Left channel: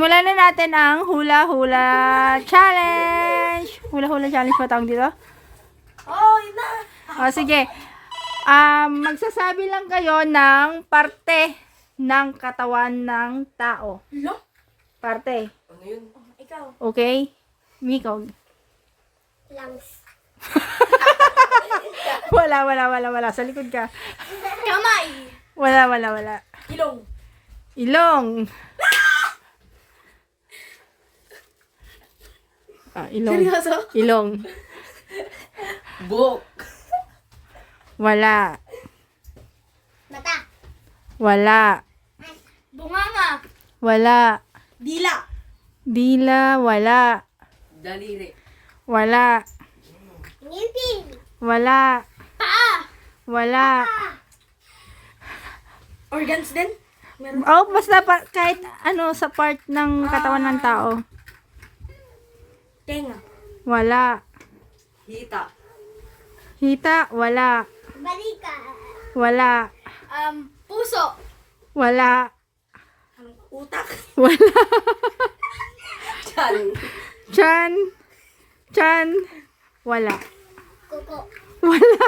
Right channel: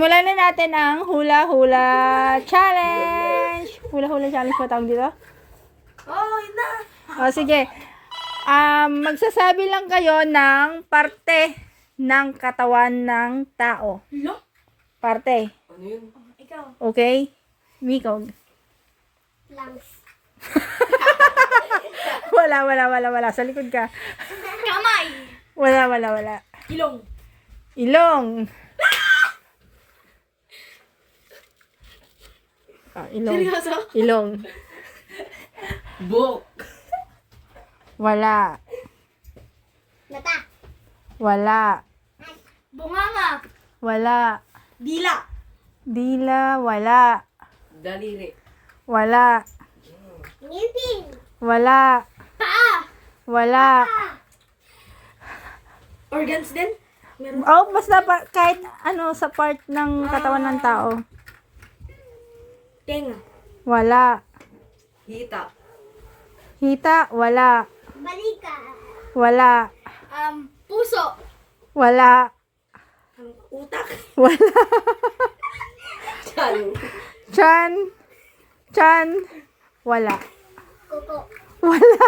Simulan na natin ang hula-hula challenge. Hula-hula challenge pa tawag dito? Oh, yun na. Sige. Magsasabi lang kayo ng parte ng katawan ng tao. Hello? Parte. Ano yun? Ikaw. Okay? Miko. Lungs. Wala. Sa likod ka. Kamay. Wala. Ilong. Ilong. Ilong. Seryoso? Ilong. Buhok. Wala. Mata. Wala. Bunganga. Wala. Dila. Dila. Wala. Daliri. Wala. Ngipin. Wala. Paa. Wala. Organs din? Meron. Oh, basta kahit ano sa part ng katawan ng tao. Tenga. Wala. Hita. Hita. Wala. Balika. Wala. Puso. Wala. Utak. Wala. Chan. Chan. Wala. Kuko. Wala.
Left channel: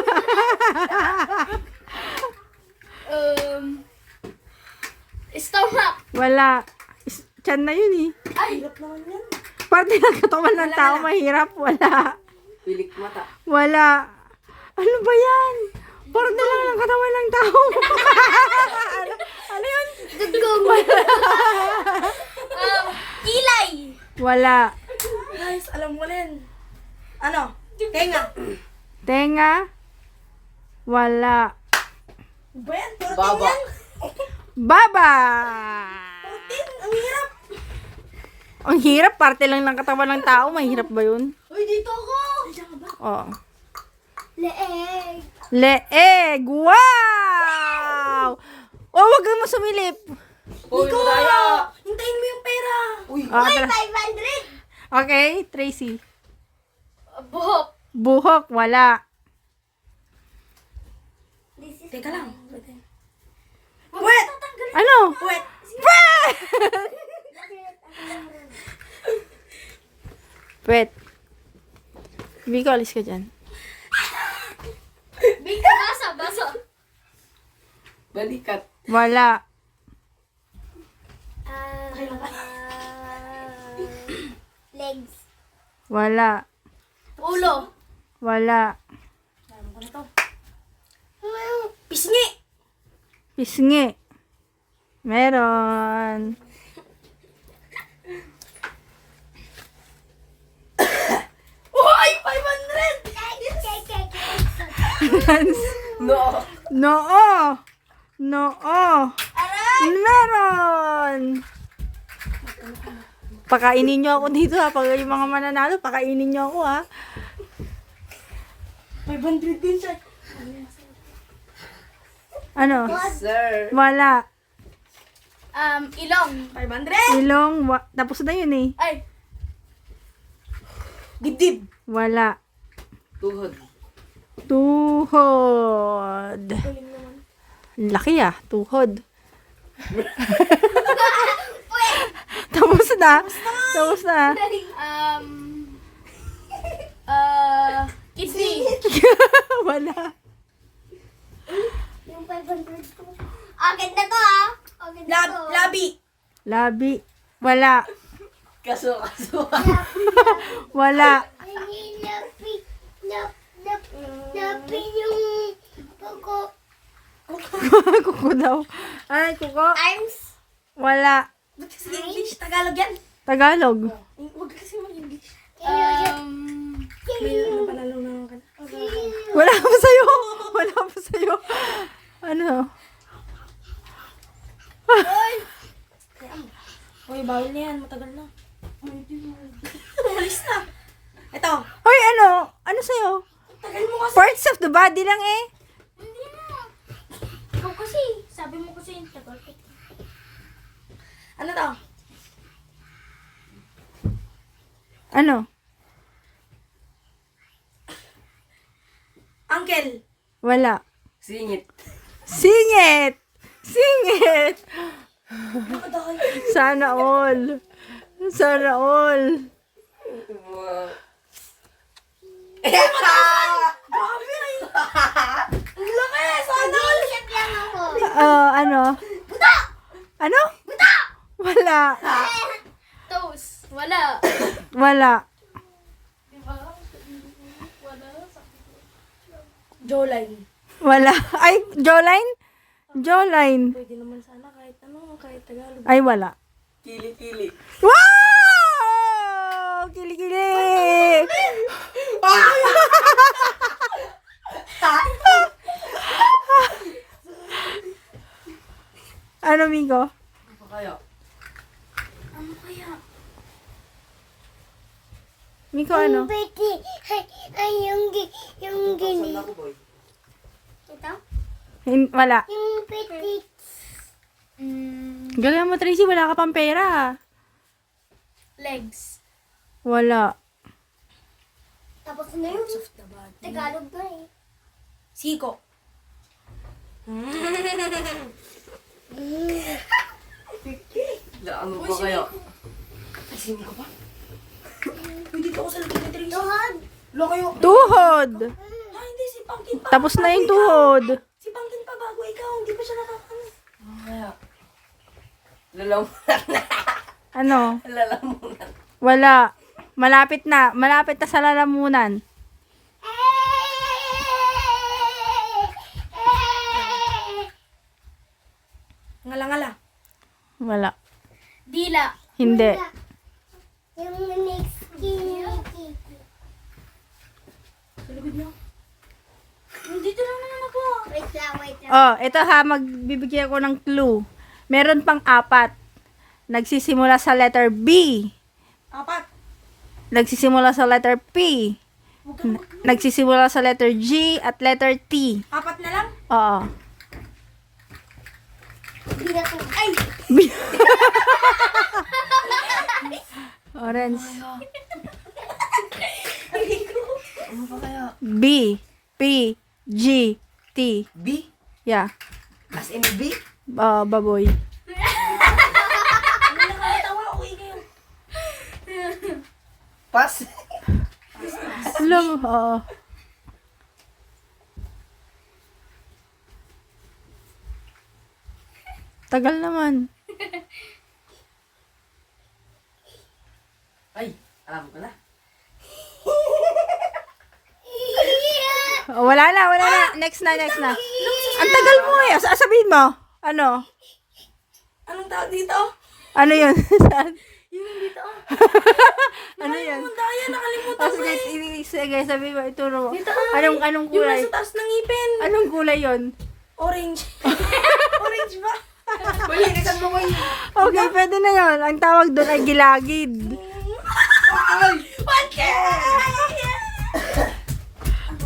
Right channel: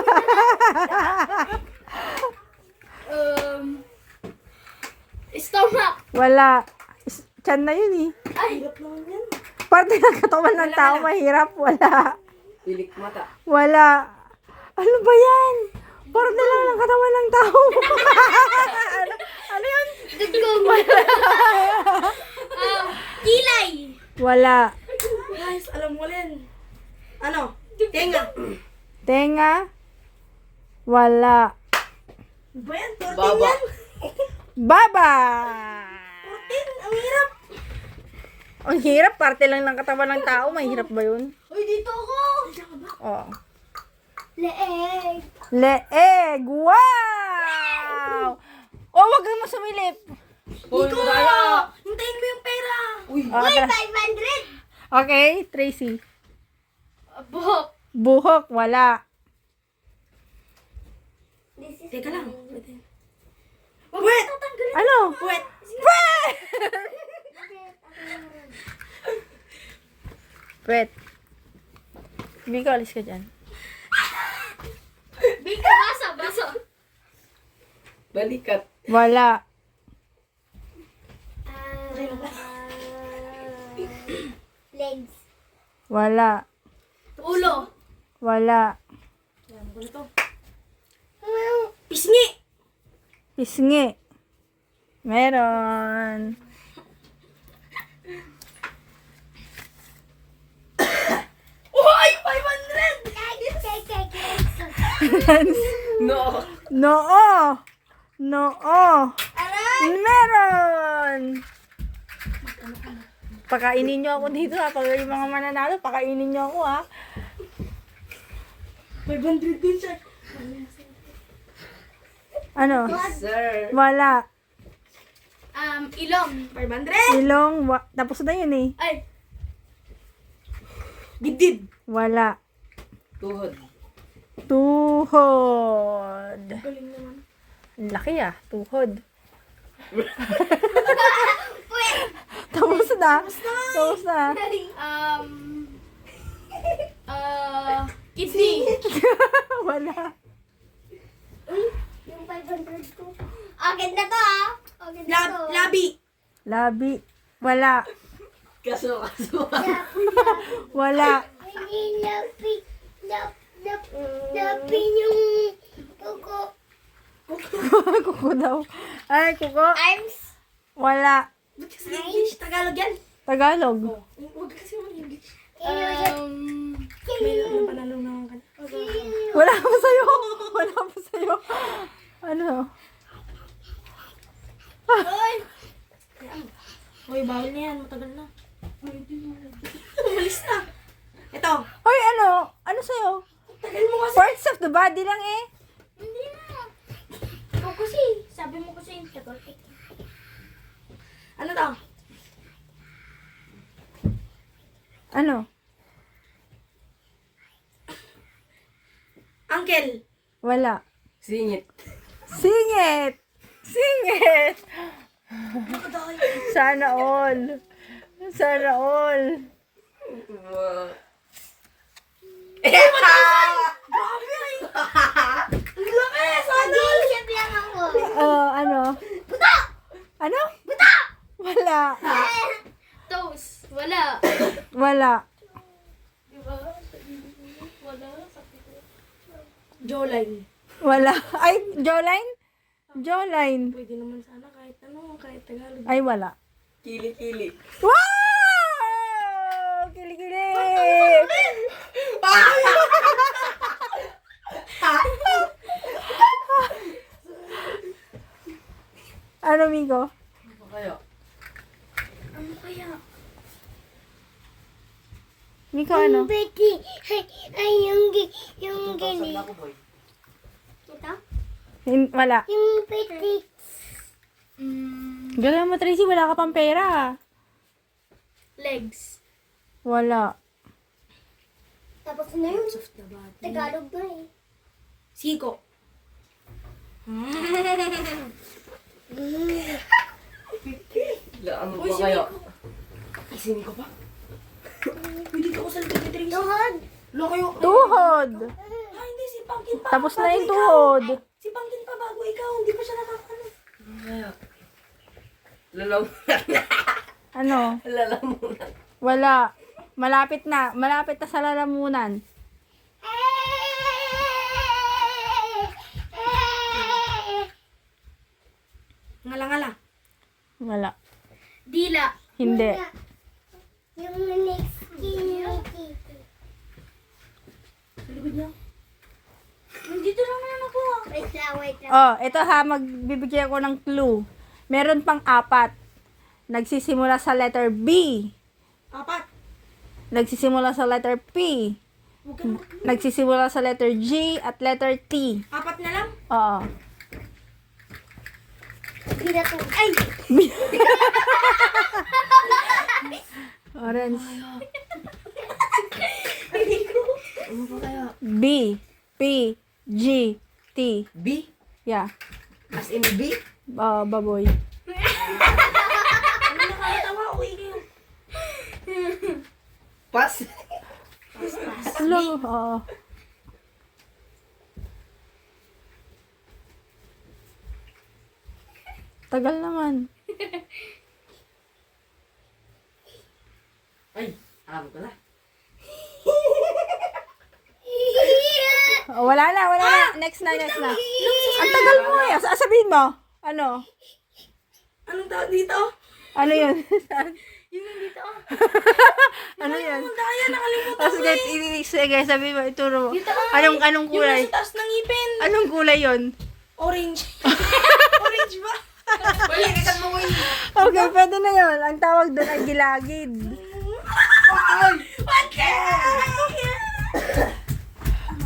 Stomach. Wala. Chan na yun eh. Ay. Hirap naman yan. Parte ng katawan ng tao mahirap. Wala. Pilik mata. Wala. Ano ba yan? Parte lang ng katawan ng tao. ano yun? Dugong. Kilay. Wala. Guys, alam mo rin. Ano? Tenga. Tenga. Wala. Ba yan? Protein Baba. yan. Baba. Protein. Ang hirap. Ang hirap. Parte lang ng katawan ng tao. Mahirap ba yun? Uy, dito ako. Diyan ka ba? Oo. Leeg. Leeg. Wow! Oh, wag mo sumilip. Uy, madaya! Hintayin mo yung pera. Uy! Oh, Uy, tara. 500. Okay, Tracy. Buhok. Buhok. Wala. Teka lang. Wait! Ano? Wait! Wait. Hindi ko alis ka dyan. Bika, basa. Balikat. Wala. Legs. Wala. Ulo. Wala. Alam ko na to. Pisngi! Pisngi. Meron. Uy! 500! No! Noo. Noo. Meron. Pakainin nyo ako dito ha. Pag yung mga mananalo, pakainin nyo ako ha. 500 din siya. Ano? Sir! Wala. Ilong. 500! Ilong. Tapos na yun eh. Ay. Dibdib. Wala. Tuhod. Tuhod. Galing naman. Laki ah. Tuhod. Puwet. Tapos na. Tapos na. Kidney. Wala. Yung 500 ko. Agad na to ah. Agad na to. Labi. Labi. Wala. Kaso. Wala. Lapi yung kuko. Kuko daw. Ay, kuko. Arms. Wala. Ba't kasi English? Tagalog yan. Tagalog. Huwag kasi mag-English. Panalo naman ka na. Wala pa sa'yo. Wala pa sa'yo. Ano? Uy, bawal na yan. Matagal na. Umalis na. Ito. Hoy, ano? Ano sa'yo? Tagal mo kasi. Parts of the body lang eh. Hindi na. Ikaw kasi. Sabi mo kasi yung tagal. Ano to? Ano? Uncle. Wala. Singit. Singit! Singit! Nakadahil. Sana all. Sana all. Ang laki! Sana all! Isip lang ako. Ano? Ano? Wala. Toast. Wala. Wala. Jawline. Wala. Ay, jawline? Jawline. Pwede naman sana kahit ano, kahit Tagalog. Ay, wala. Kili-kili. Wow! Kili-kili! Ano, Miko? Ano kaya? Ano kaya? Miko, ano? Betty. Ay, yung Saan ako, boy? Ito? Wala. Yung Betty. Galing mo, Tracy. Wala ka pang pera. Legs. Wala. Tapos na yun. Tagalog ba eh. Siko. Ano ba kaya? Isin ko pa? Hindi ako sa Tracy. Tuhod. Lo kayo. Tuhod. Ah, hindi si Pangkin pa. Tapos na Bago yung ikaw. tuhod. Si Pangkin pa bago ikaw. Hindi pa siya nakakano. Ano kaya? Lalamunan. Ano? Lalamunan. Wala. Malapit na. Malapit na sa lalamunan. Ngala-ngala. Wala. Dila. Hindi. Yung next kiniki. Sa likod niya. Dito lang naman ako. Wait lang. Oh, ito ha. Magbibigyan ko ng clue. Meron pang 4. Nagsisimula sa letter B. 4. Nagsisimula sa letter P. Huwag kang Nagsisimula sa letter G at letter T. 4 na lang. Oo. Dila to. Ay! Orange. Ano ba kaya? B. P. G. T. B? Yeah. As in B? Baboy. Ano na kayo tawa? Uwi kayo. Pass? Lang. Oo. Tagal naman. Ay, alam ko na. Oh, wala na. Next na. Ang tagal mo eh. Sabihin mo. Ano? Anong tawag dito? Ano yun? Yung dito. Ano yun? Kaya nakalimutan. Sige, sabihin mo. Ituro mo. Anong Yung kulay? nasa taas ng ngipin. Anong kulay yun? Orange. Orange ba? Wala ka sa buhay. Okay, pwede na yun. Ang tawag doon ay gilagid.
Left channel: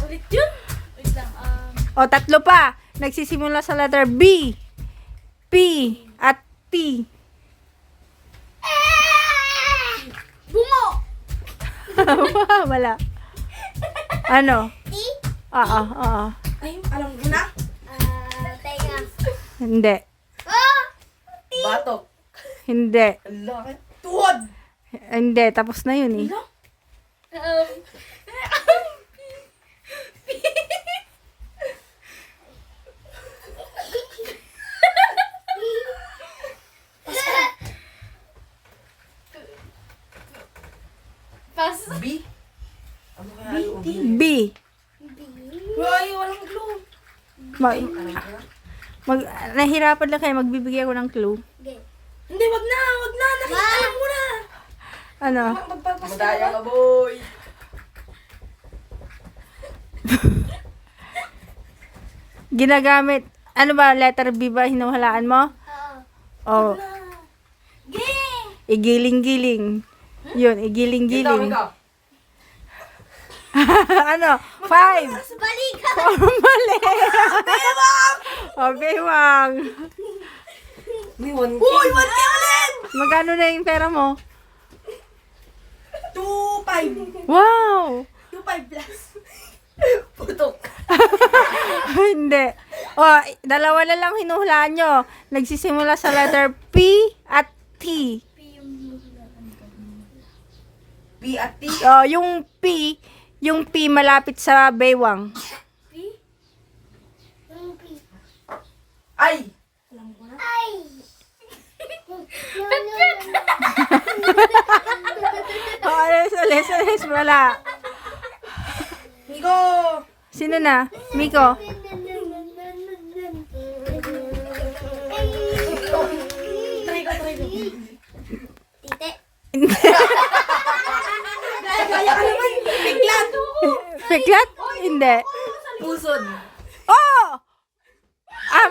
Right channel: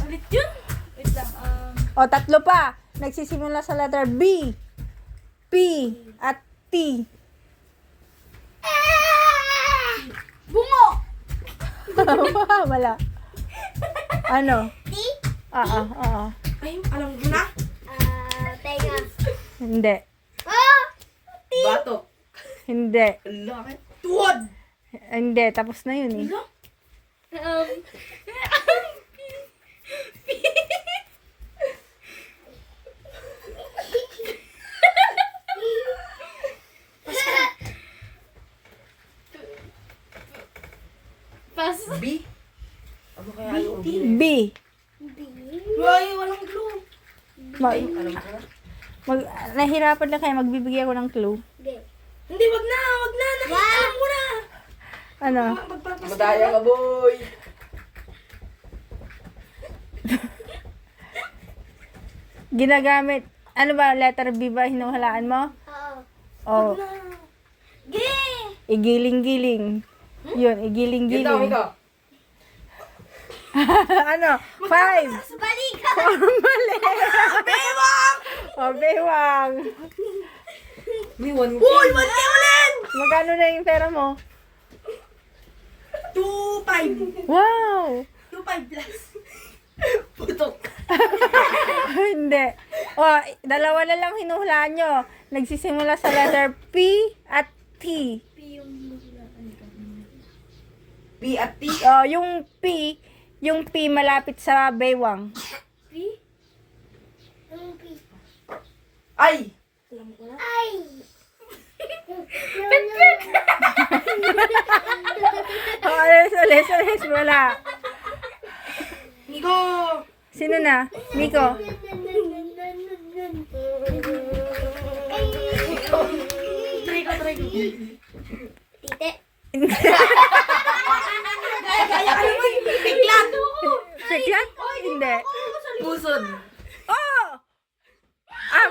Ulit yun? Wait lang. O, 3 pa. Nagsisimula sa letter B, P, at T. Bungo! Wala. Ano? T? Oo. Ay, alam ko na. Tenga. Hindi. Oh! Batok. Hindi. Ang laki. Tuhod. Hindi. Tapos na yun eh. Pas. B? Ano kaya? Ano B? B. Ay, walang glue. Alam ko na. Nahirapan lang kayo. Magbibigay ako ng clue. Hindi, wag na. Alam ko na. Ano? Magpapas. Madaya ka, boy. Ginagamit. Ano ba? Letter B ba? Hinuhalaan mo? Oo. O. Igiling-giling. Yun, Ikaw, igiling-giling. ikaw. Ano? 5. Balikan! Mali. O, bewang. May 1K. Uy, 1K ulit! Magkano na yung pera mo? 2.5. Wow! 2.5 plus. Putok. Hindi. O, 2 na lang hinuhulaan nyo. Nagsisimula sa letter P at T. B at T. Oh, yung P malapit sa baywang. Ay! Ay! Oh, alis, wala. Nico! Sino na? Miko. Tite. Kaya ka naman! Biglan! Peklat? Hindi. Pusod. Oh!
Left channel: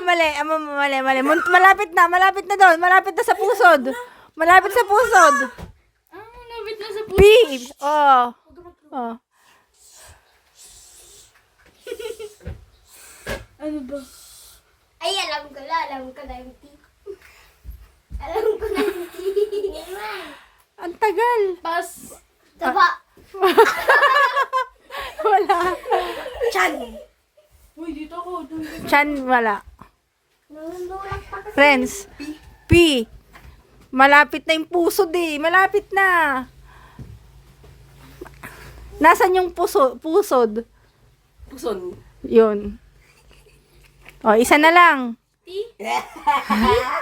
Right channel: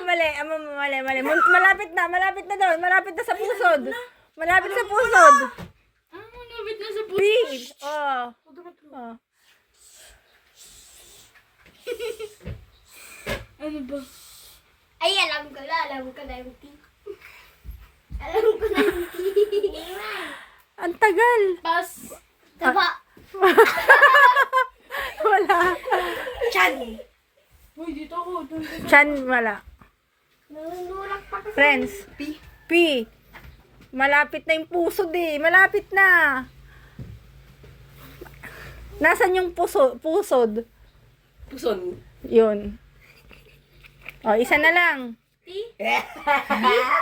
Mali. Malapit na doon. Malapit na sa pusod. Malapit sa pusod. Nabit na sa P. Oh. Oh. Ano ba? Ay, alam ko na yung T. Alam ko na yung T. Ang tagal. Pas. Taba. Wala. Chan! Uy, dito ako. Chan, wala. Nanunulak pa kasi. Friends. P. Malapit na yung pusod eh. Malapit na. Nasaan yung pusod? Puson. Yun. O, isa na lang.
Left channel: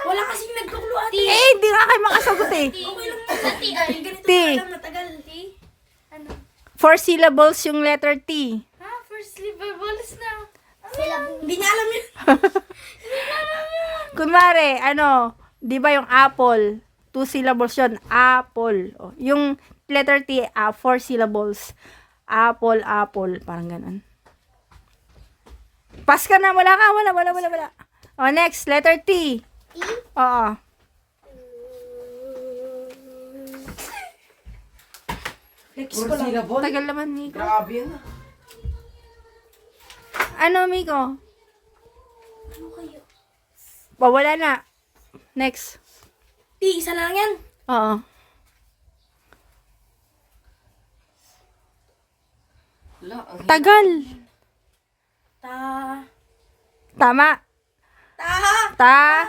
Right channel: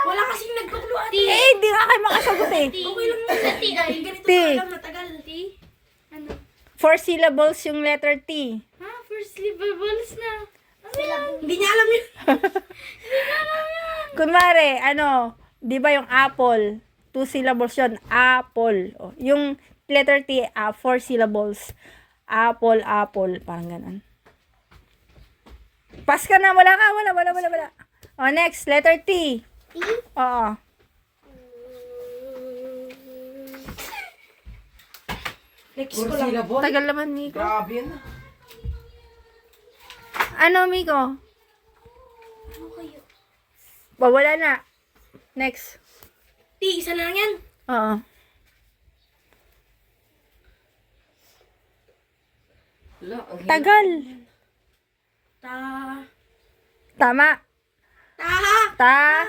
Wala kasing nagtukluan. Eh, hindi nga kayo makasagot eh. Okay lang naman. T. Ay. Ganito T. alam matagal. T. Ano? 4 syllables yung letter T. Ha? First syllables na. Hindi niya alam yun. Kunwari, di ba yung apple? 2 syllables yun. Apple. O, yung letter T, 4 syllables. Apple. Parang ganun. Pass ka na. Wala. O, next. Letter T. T. Oo. Next Four ko lang. syllable. Tagal naman, Miko. Grabe yan. Ano, Miko? Ano kayo? Wala na. Next. T, isa na lang yan. Oo. Wala, ang hirap. Tagal. Tama. Ta.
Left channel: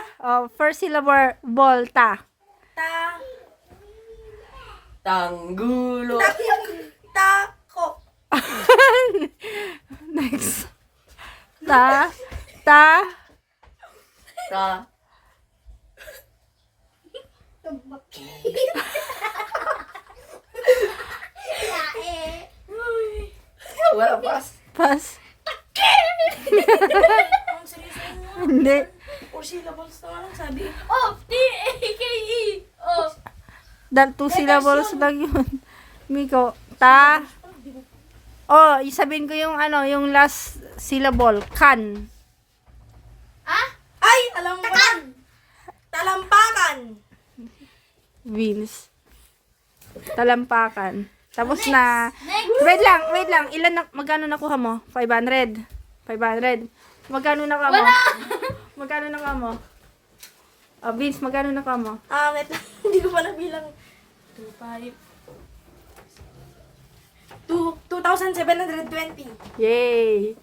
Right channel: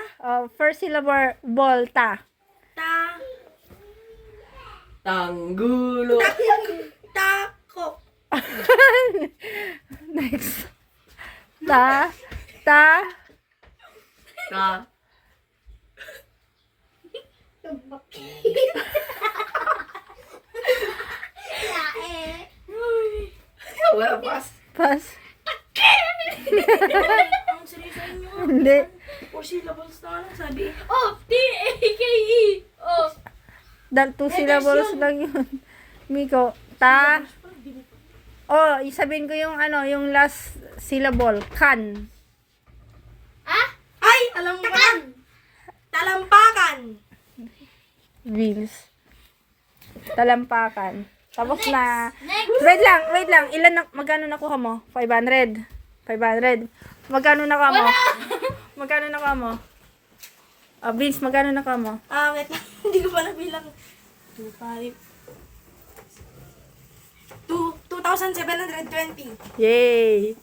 First syllable, ta. Tanggulo. Tako. Next. Ta. Ka. Wala, pas. Pass. Ang seryoso nyo. Hindi. 4 syllables na nga lang sabi. Oh, T-A-K-E. Oh. 2 syllables lang yun. Miko. Ta. Oh, isabihin ko yung yung last syllable. Kan. Ah? Ay, alam ko na. Talampakan. Wheels. Talampakan. Tapos na. Next. Wait lang. Magkano nakuha mo? 500. Magkano nakuha mo? Magkano nakuha mo? Vince, magkano nakuha mo? Wait lang. Hindi ko pa nabilang. 2,720. Yay!